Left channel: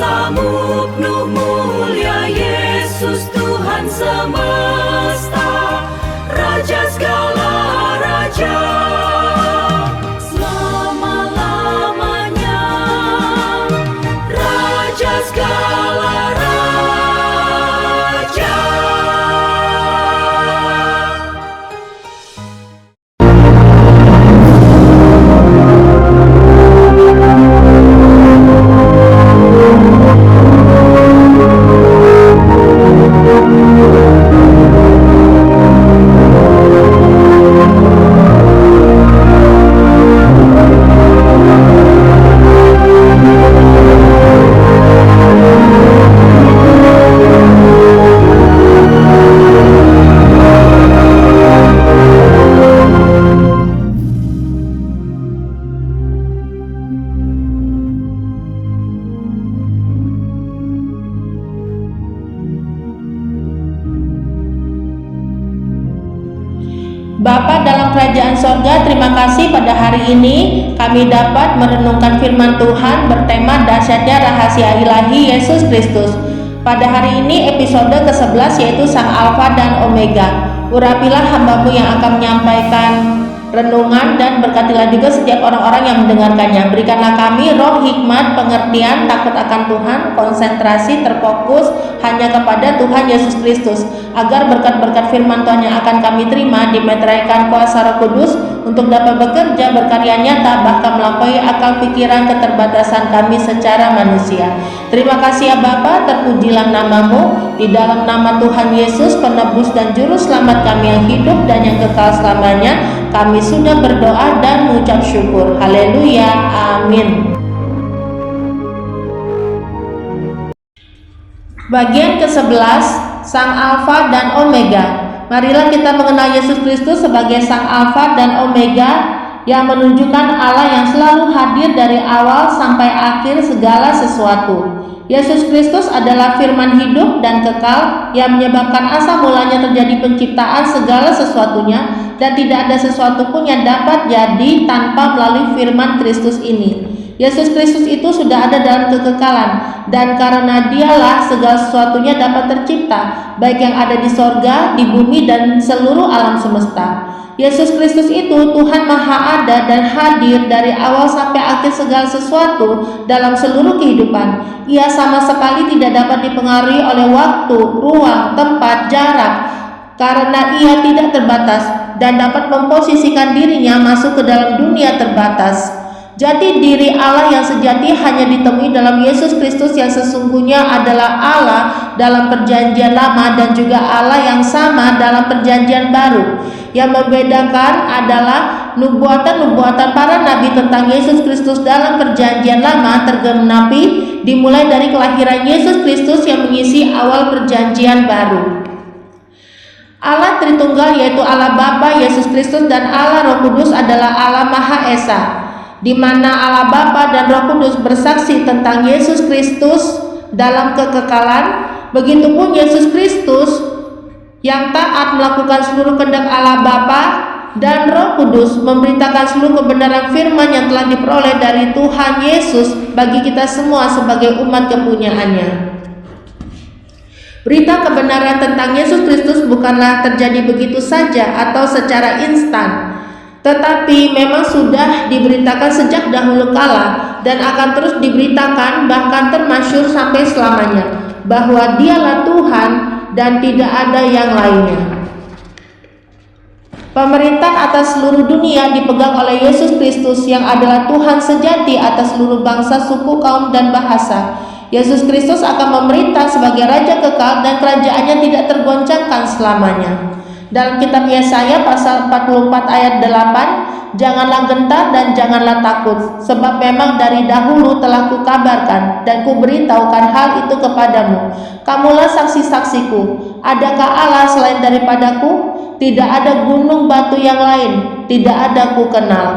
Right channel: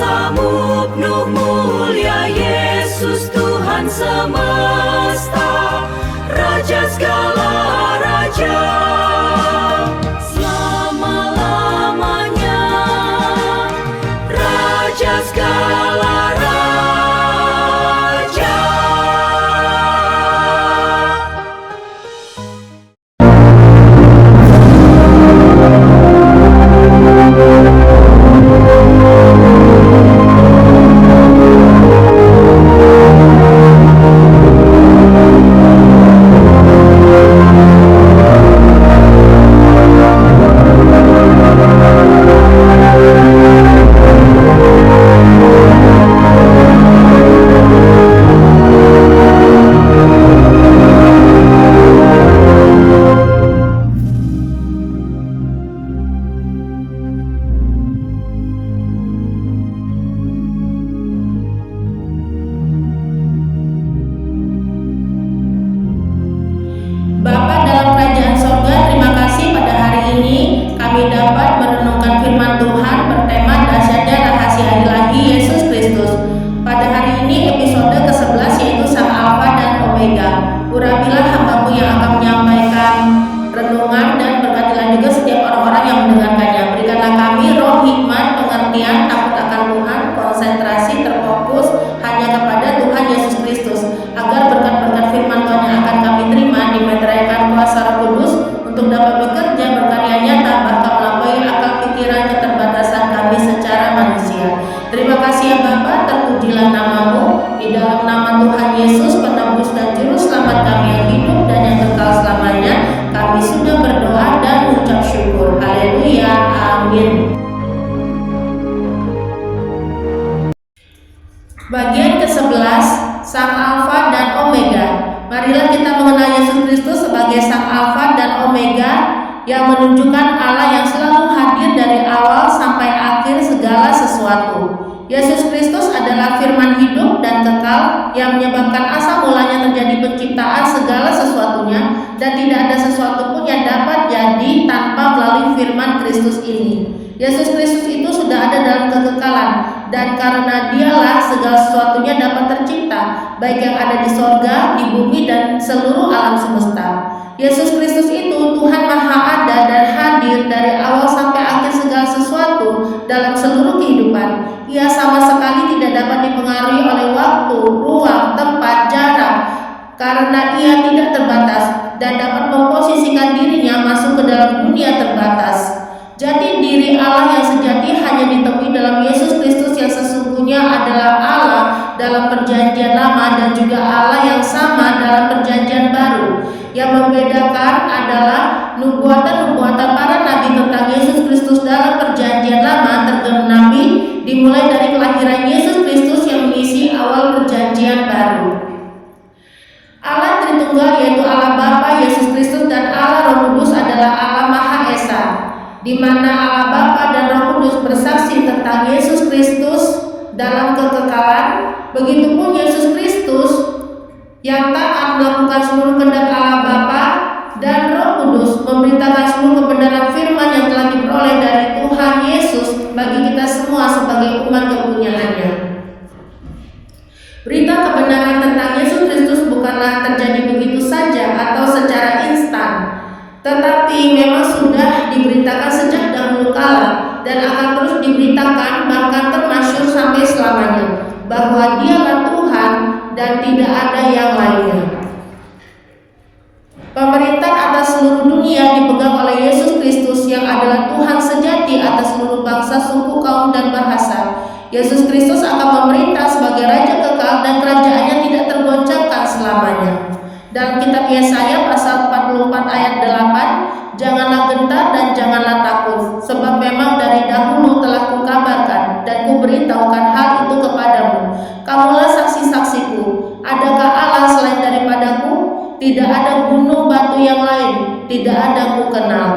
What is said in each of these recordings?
kuasamu penuh mulia Yesus Tuhan semesta, Raja segala raja, selama-lamanya, Raja segala raja. Bapa dalam kerajaan sorga, terima kasih pada hari ini kami dapat merenungkan firman Tuhan bertema dahsyatnya rahasia ilahi Yesus Kristus. Pada hari ini episode ke-11 yaitu Sang Alfa dan Omega. Urapilah hamba-Mu yang akan menyampaikan renungan dan berkatilah juga setiap orang-orang yang mendengarkannya. Berikanlah kami roh hikmat, pengertian, takut akan Tuhan, konsentrasi, terfokus hanya kepada Tuhan Yesus Kristus, agar berkat-berkat firman Tuhan yang akan kami terima dimeteraikan kuasa Roh Kudus untuk dapat bekerja berkarya nyata bahkan melampaui akal pikiran keterbatasan kami secara manusia. Terima kasih ya Bapa, terpujilah nama-Mu. Di dalam nama Tuhan Yesus, penebus dan juru selamat kami yang hidup dan yang kekal selamanya, kami sudah berdoa dan mengucap syukur. Haleluya, amin. Bagian ke-11, Sang Alfa dan Omega. Marilah kita mengenal Yesus Kristus sebagai Sang Alfa dan Omega yang menunjukkan Allah yang selalu hadir dari awal sampai akhir segala sesuatu. Yesus Kristus adalah firman hidup dan kekal yang menyebabkan asal mulanya terjadi penciptaan segala sesuatunya, dan tidak ada sesuatu pun yang dapat jadi tanpa melalui firman Kristus ini. Yesus Kristus itu sudah ada dalam kekekalan, dan karena Dialah segala sesuatunya dapat tercipta, baik yang ada di sorga, di bumi, dan seluruh alam semesta. Yesus Kristus itu Tuhan Maha Ada dan hadir dari awal sampai akhir segala sesuatu dalam seluruh kehidupan. Ia sama sekali tidak dapat dipengaruhi oleh waktu, ruang, tempat, jarak, karena Ia tidak terbatas dan dapat memposisikan dirinya masuk ke dalam dunia terbatas. Jati diri Allah yang sejati hanya ditemui dalam Yesus Kristus yang sesungguhnya adalah Allah dalam perjanjian lama dan juga Allah yang sama dalam perjanjian baru. Yang membedakan adalah nubuatan-nubuatan para nabi tentang Yesus Kristus dalam perjanjian lama tergenapi dimulai dari kelahiran Yesus Kristus yang mengisi awal perjanjian baru. Allah Tritunggal yaitu Allah Bapa, Yesus Kristus, dan Allah Roh Kudus adalah Allah Maha Esa, di mana Allah Bapa dan Roh Kudus bersaksi tentang Yesus Kristus dalam kekekalan. Begitupun Yesus Kristus yang taat melakukan seluruh kehendak Allah Bapa dan Roh Kudus memberitakan seluruh kebenaran firman yang telah diperoleh dari Tuhan Yesus bagi kita semua sebagai umat kepunyaannya. Berita kebenaran tentang Yesus Kristus bukanlah terjadi begitu saja atau secara instan, tetapi memang sudah diberitakan sejak dahulu kala dan akan terus diberitakan bahkan termasyhur sampai selamanya, bahwa Dialah Tuhan dan tidak ada yang lainnya. Pemerintah atas seluruh dunia dipegang oleh Yesus Kristus yang adalah Tuhan sejati atas seluruh bangsa, suku, kaum, dan bahasa. Yesus Kristus akan memerintah sebagai Raja kekal dan kerajaannya tidak tergoncangkan selamanya. Dalam kitab Yesaya pasal 44 ayat 8, janganlah gentar dan janganlah takut, sebab memang dari dahulu telah kukabarkan dan kuberitahukan hal itu kepadamu. Kamulah saksi-saksiku. Adakah Allah selain daripadaku? Tidak ada gunung batu yang lain, tidak ada ku kenal.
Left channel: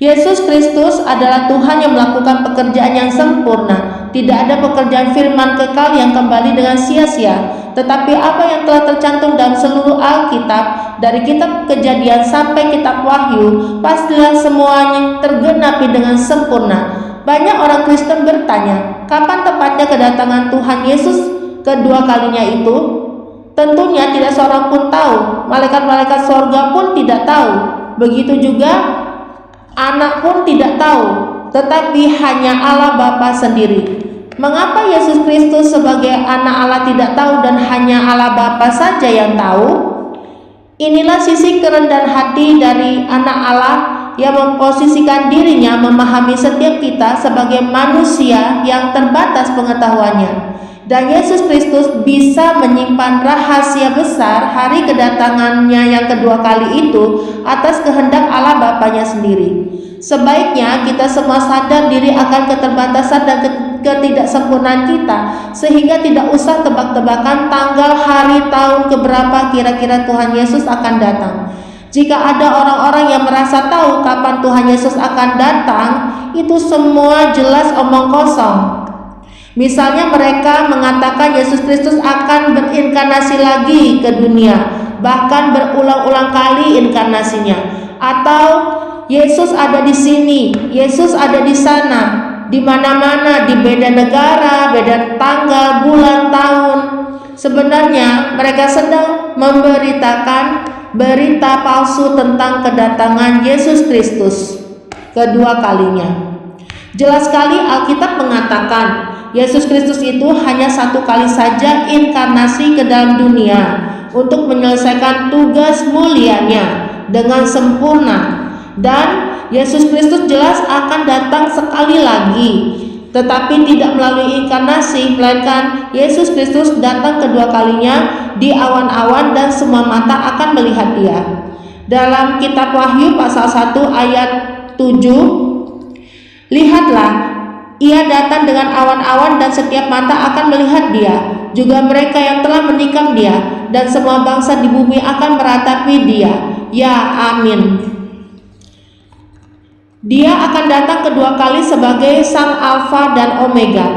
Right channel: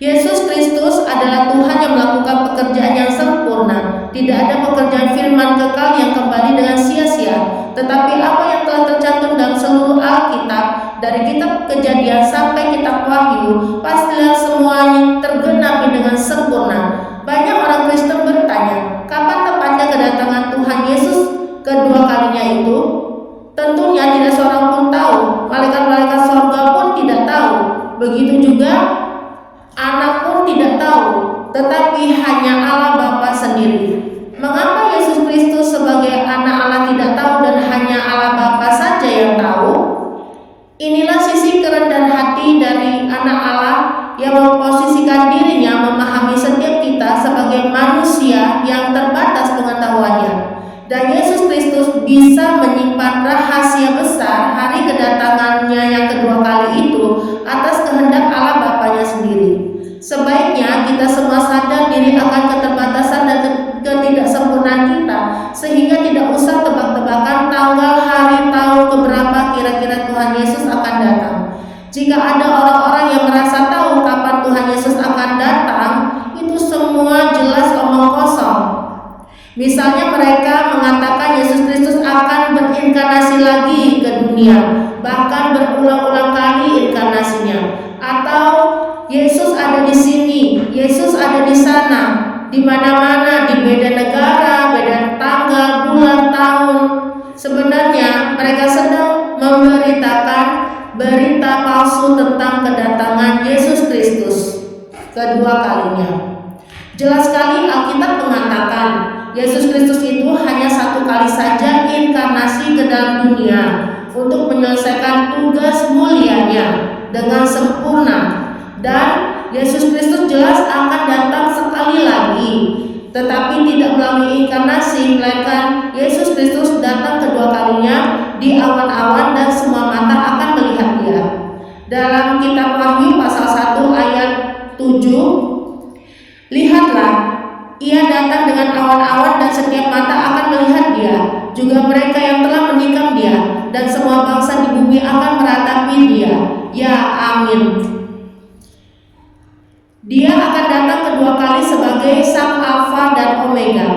Yesus Kristus adalah Tuhan yang melakukan pekerjaan yang sempurna. Tidak ada pekerjaan firman kekal yang kembali dengan sia-sia. Tetapi apa yang telah tercantum dalam seluruh Alkitab, dari kitab Kejadian sampai kitab Wahyu, pastilah semuanya tergenapi dengan sempurna. Banyak orang Kristen bertanya, kapan tepatnya kedatangan Tuhan Yesus kedua kalinya itu? Tentunya tidak seorang pun tahu, malaikat-malaikat sorga pun tidak tahu, begitu juga anak pun tidak tahu, tetapi hanya Allah Bapa sendiri. Mengapa Yesus Kristus sebagai anak Allah tidak tahu dan hanya Allah Bapa saja yang tahu? Inilah sisi kerendahan hati dari anak Allah yang memposisikan dirinya memahami setiap kita sebagai manusia yang terbatas pengetahuannya. Dan Yesus Kristus bisa menyimpan rahasia besar hari kedatangannya yang kedua kali itu atas kehendak Allah Bapanya sendiri. Sebaiknya kita semua sadar diri akan keterbatasan dan ketidaksempurnaan kita, sehingga tidak usah tebak-tebakan tanggal, hari, tahun keberapa kira-kira Tuhan Yesus akan datang. Jika ada orang-orang yang merasa tahu kapan Tuhan Yesus akan datang, itu semua jelas omong kosong. Misalnya mereka mengatakan Yesus Kristus akan berinkarnasi lagi ke dunia, bahkan berulang-ulang kali inkarnasinya. Atau Yesus ada di sini, Yesus ada di sana, di mana-mana, di beda negara, beda tanggal, bulan, tahun. Sebenarnya mereka sedang memberitakan berita palsu tentang kedatangan Yesus Kristus kedua kalinya. Jelas sekali Alkitab mengatakan Yesus Kristus itu hanya satu kali saja inkarnasi ke dalam dunia untuk menyelesaikan tugas mulianya dengan sempurna, dan Yesus Kristus jelas akan datang sekali lagi, tetapi tidak melalui inkarnasi, melainkan Yesus Kristus datang kedua kalinya di awan-awan dan semua mata akan melihat Dia. Dalam kitab Wahyu pasal 1 ayat 7, lihatlah, Ia datang dengan awan-awan dan setiap mata akan melihat Dia, juga mereka yang telah menikam Dia, dan semua bangsa di bumi akan meratapi Dia. Ya, amin. Dia akan datang kedua kali sebagai Sang Alfa dan Omega,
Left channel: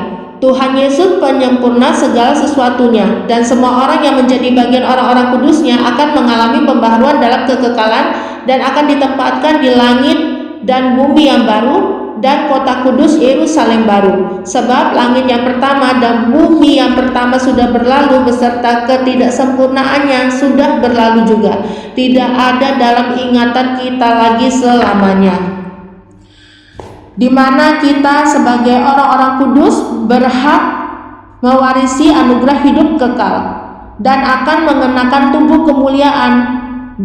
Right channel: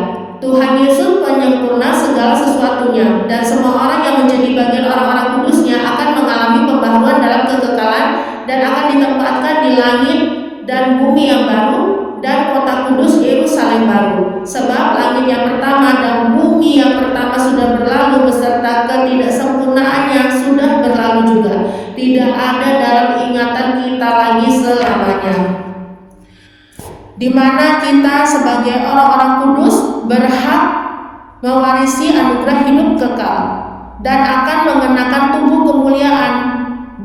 Tuhan Yesus penyempurna segala sesuatunya, dan semua orang yang menjadi bagian orang-orang kudusnya akan mengalami pembaharuan dalam kekekalan dan akan ditempatkan di langit dan bumi yang baru dan kota kudus Yerusalem baru. Sebab langit yang pertama dan bumi yang pertama sudah berlalu beserta ketidaksempurnaannya sudah berlalu juga. Tidak ada dalam ingatan kita lagi selamanya. Di mana kita sebagai orang-orang kudus berhak mewarisi anugerah hidup kekal dan akan mengenakan tubuh kemuliaan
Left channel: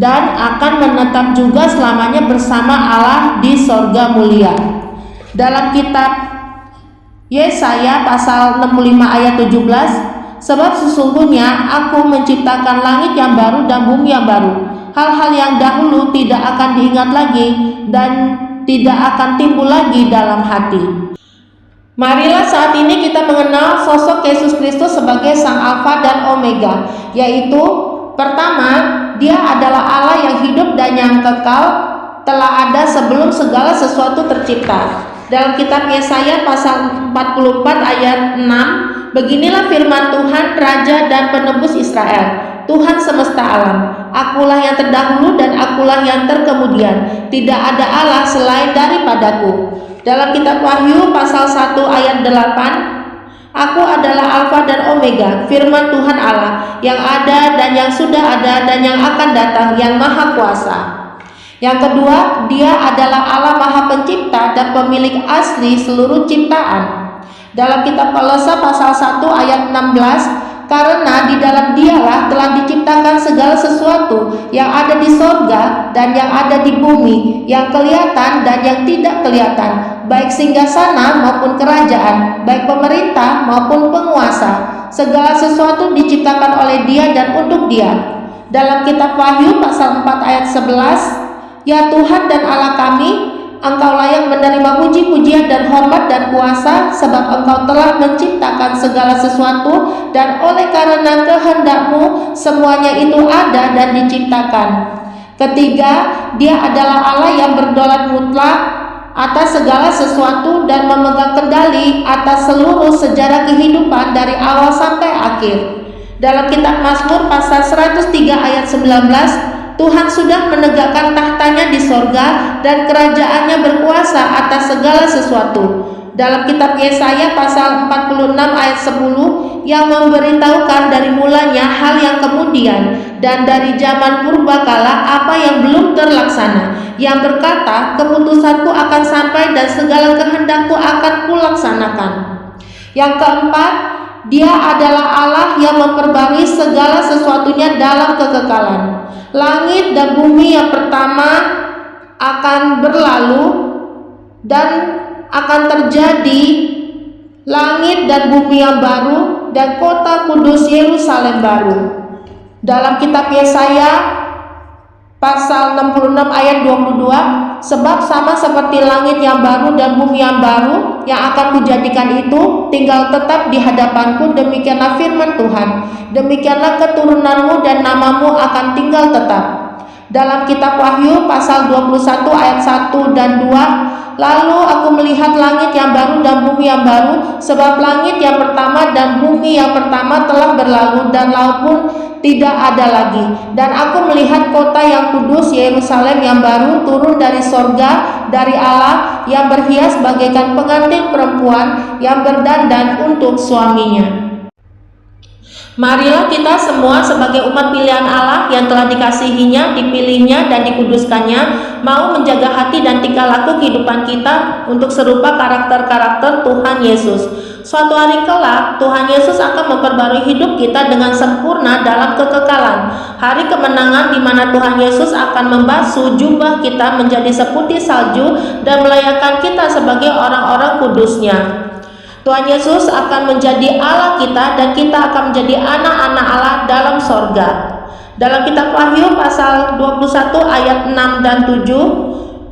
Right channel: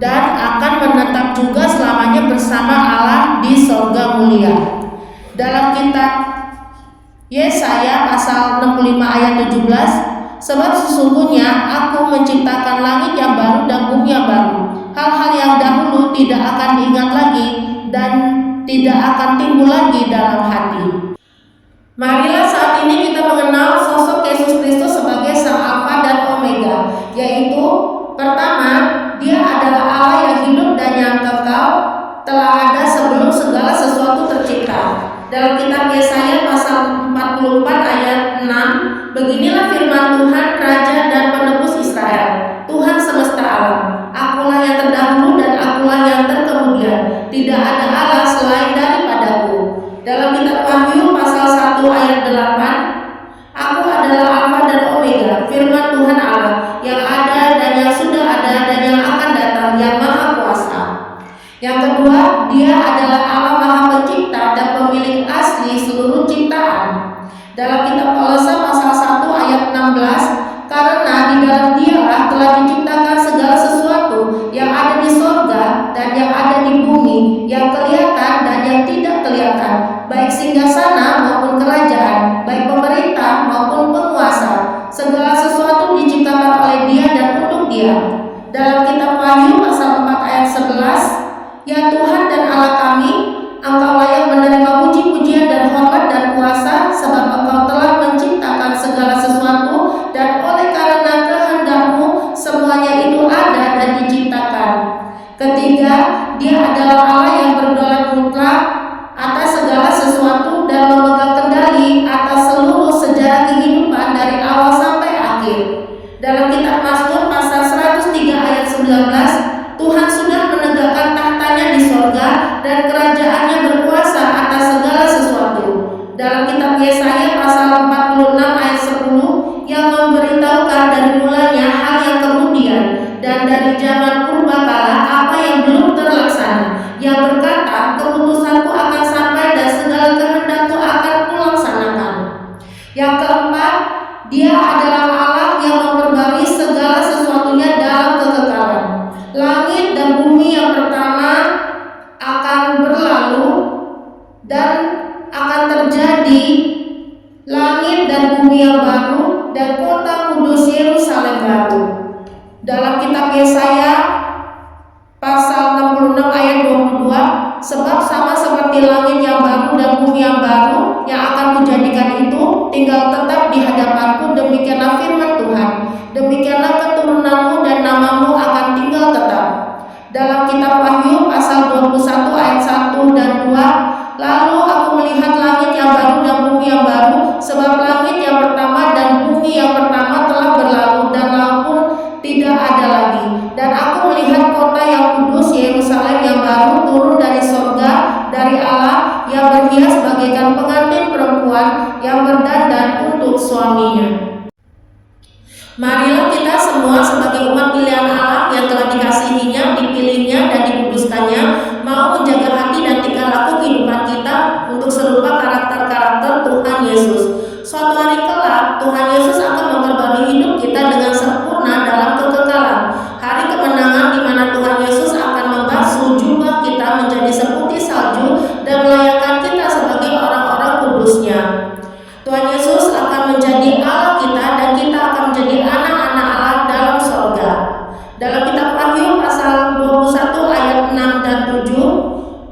dan akan menetap juga selamanya bersama Allah di sorga mulia. Dalam kitab Yesaya pasal 65 ayat 17, sebab sesungguhnya aku menciptakan langit yang baru dan bumi yang baru. Hal-hal yang dahulu tidak akan diingat lagi dan tidak akan timbul lagi dalam hati. Marilah saat ini kita mengenal sosok Yesus Kristus sebagai Sang Alfa dan Omega, yaitu pertama, Dia adalah Allah yang hidup dan yang kekal, telah ada sebelum segala sesuatu tercipta. Dalam kitab Yesaya pasal 44 ayat 6, beginilah firman Tuhan, Raja dan Penebus Israel, Tuhan semesta alam. Akulah yang terdahulu dan akulah yang terkemudian. Tidak ada Allah selain daripadaku. Dalam kitab Wahyu pasal 1 ayat 8, Aku adalah Alfa dan Omega, firman Tuhan Allah, yang ada dan yang sudah ada dan yang akan datang, yang maha kuasa. Yang kedua, Dia adalah Allah Maha Pencipta dan pemilik asli seluruh ciptaan. Dalam kitab Kolose pasal 1 ayat 16, karena di dalam Dialah telah diciptakan segala sesuatu yang ada di sorga dan yang ada di bumi, yang kelihatan dan yang tidak kelihatan, baik singgasana maupun kerajaan, baik pemerintah maupun penguasa. Segala sesuatu diciptakan oleh Dia dan untuk Dia. Dalam kitab Wahyu pasal 4 ayat 11, Ya Tuhan dan Allah kami, Engkau layak menerima puji-pujian dan hormat dan kuasa, sebab Engkau telah menciptakan segala sesuatu, dan oleh karena kehendak-Mu semuanya itu ada dan diciptakan. Ketiga, Dia adalah Allah yang berdaulat mutlak atas segala sesuatu dan memegang kendali atas seluruh sejarah kehidupan dari awal sampai akhir. Dalam kitab Mazmur pasal 103 ayat 19, Tuhan sudah menegakkan tahtanya di sorga dan kerajaannya berkuasa atas segala sesuatu. Dalam kitab Yesaya pasal 46 ayat 10 yang memberitahukan dari mulanya hal yang kemudian dan dari zaman purbakala apa yang belum terlaksana, yang berkata, keputusanku akan sampai dan segala kehendakku akan kulaksanakan. Yang keempat, Dia adalah Allah yang memperbarui segala sesuatunya dalam kekekalan. Langit dan bumi yang pertama akan berlalu dan akan terjadi langit dan bumi yang baru dan kota kudus Yerusalem baru. Dalam kitab Yesaya pasal 66 ayat 22, sebab sama seperti langit yang baru dan bumi yang baru yang akan kujadikan itu tinggal tetap di hadapanku, demikianlah firman Tuhan. Demikianlah keturunanmu dan namamu akan tinggal tetap. Dalam kitab Wahyu pasal 21 ayat 1 dan 2, lalu aku melihat langit yang baru dan bumi yang baru, sebab langit yang pertama dan bumi yang pertama telah berlalu dan laut pun tidak ada lagi. Dan aku melihat kota yang kudus Yerusalem yang baru turun dari sorga, dari Allah, yang berhias bagaikan pengantin perempuan yang berdandan untuk suaminya. Marilah kita semua sebagai umat pilihan Allah yang telah dikasihinya, dipilihnya, dan dikuduskannya, mau menjaga hati dan tingkah laku kehidupan kita untuk serupa karakter-karakter Tuhan Yesus. Suatu hari kelak, Tuhan Yesus akan memperbarui hidup kita dengan sempurna dalam kekekalan. Hari kemenangan di mana Tuhan Yesus akan membasuh jubah kita menjadi seputih salju dan melayakkan kita sebagai orang-orang kudusnya. Tuhan Yesus akan menjadi Allah kita dan kita akan menjadi anak-anak Allah dalam sorga. Dalam kitab Wahyu pasal 21 ayat 6 dan 7,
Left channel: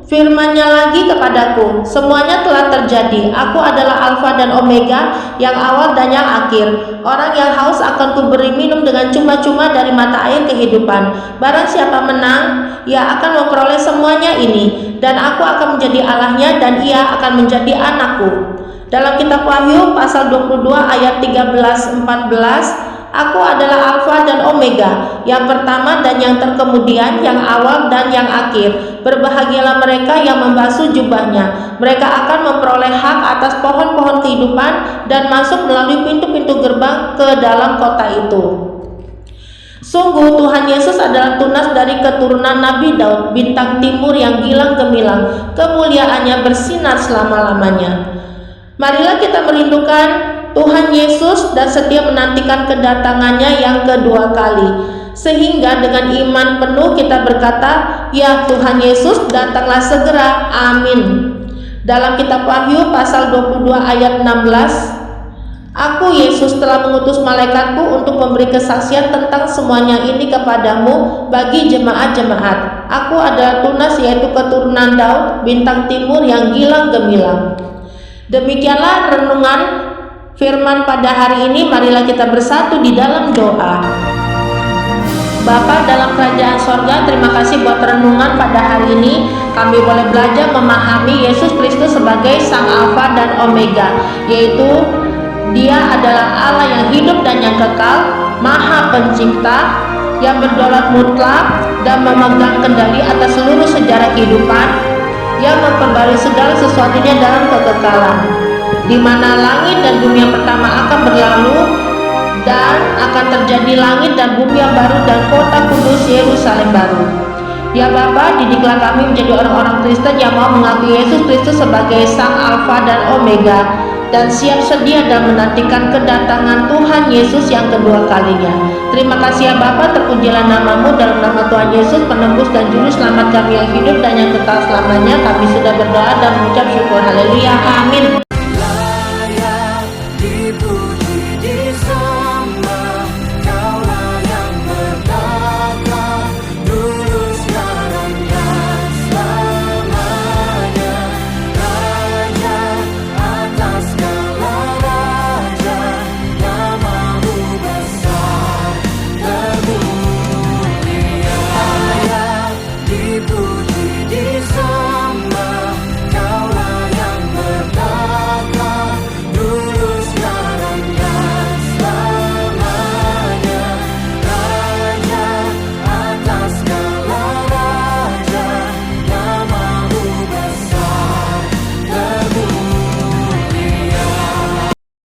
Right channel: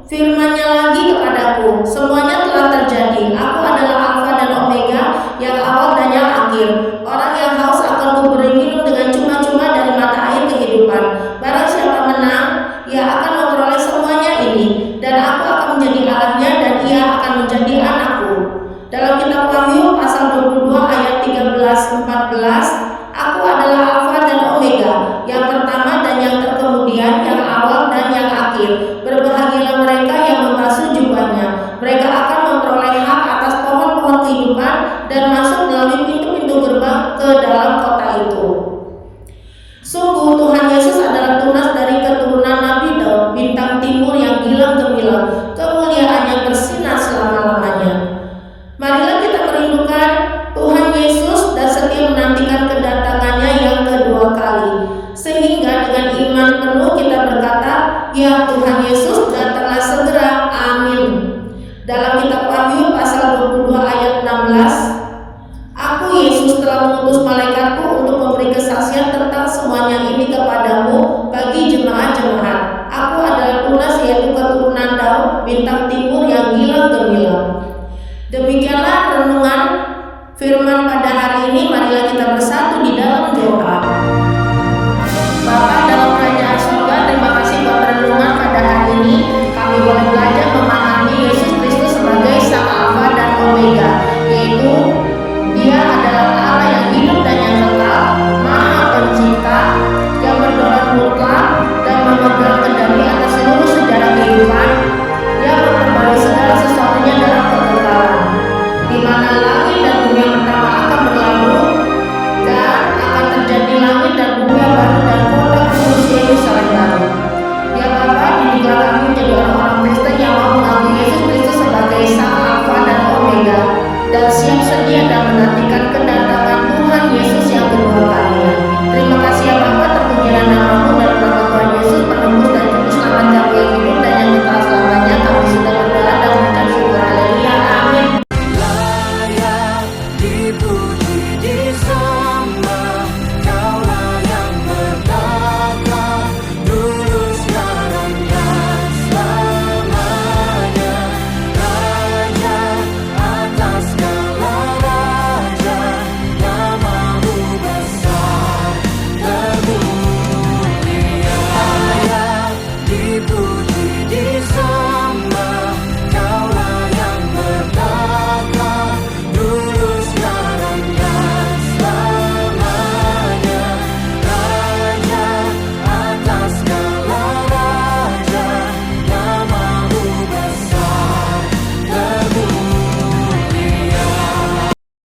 firman-Nya lagi kepadaku, semuanya telah terjadi. Aku adalah Alfa dan Omega, yang awal dan yang akhir. Orang yang haus akan kuberi minum dengan cuma-cuma dari mata air kehidupan. Barang siapa menang, ia akan memperoleh semuanya ini, dan aku akan menjadi Allahnya dan ia akan menjadi anakku. Dalam kitab Wahyu pasal 22 ayat 13-14, aku adalah Alfa dan Omega, yang pertama dan yang terkemudian, yang awal dan yang akhir. Berbahagialah mereka yang membasuh jubahnya. Mereka akan memperoleh hak atas pohon-pohon kehidupan dan masuk melalui pintu-pintu gerbang ke dalam kota itu. Sungguh Tuhan Yesus adalah tunas dari keturunan Nabi Daud, bintang timur yang gilang gemilang, kemuliaannya bersinar selama-lamanya. Marilah kita merindukan Tuhan Yesus dan setia menantikan kedatangannya yang kedua kali, sehingga dengan iman penuh kita berkata, ya Tuhan Yesus, datanglah segera, amin. Dalam kitab Wahyu pasal 22 ayat 16, aku Yesus telah mengutus malaikatku untuk memberi kesaksian tentang semuanya ini kepadamu bagi jemaat-jemaat. Aku adalah tunas, yaitu keturunan Daud, bintang timur yang gilang gemilang. Demikianlah renungan firman pada hari ini. Marilah kita bersatu di dalam doa. Bapa dalam kerajaan sorga, terima kasih buat renungan pada hari ini. Kami boleh belajar memahami Yesus Kristus sebagai Sang Alfa dan Omega, yaitu Dia adalah Allah yang hidup dan yang kekal, Maha Pencipta, yang berdaulat mutlak dan memegang kendali atas seluruh sejarah kehidupan, yang memperbarui segala sesuatunya dalam kekekalan, di mana langit dan bumi yang pertama akan berlalu dan akan terjadi langit dan bumi yang baru dan kota kudus Yerusalem baru. Ya Bapa, didiklah kami menjadi orang-orang Kristen yang mau mengakui Yesus Kristus sebagai Sang Alfa dan Omega, dan siap sedia dan menantikan kedatangan Tuhan Yesus yang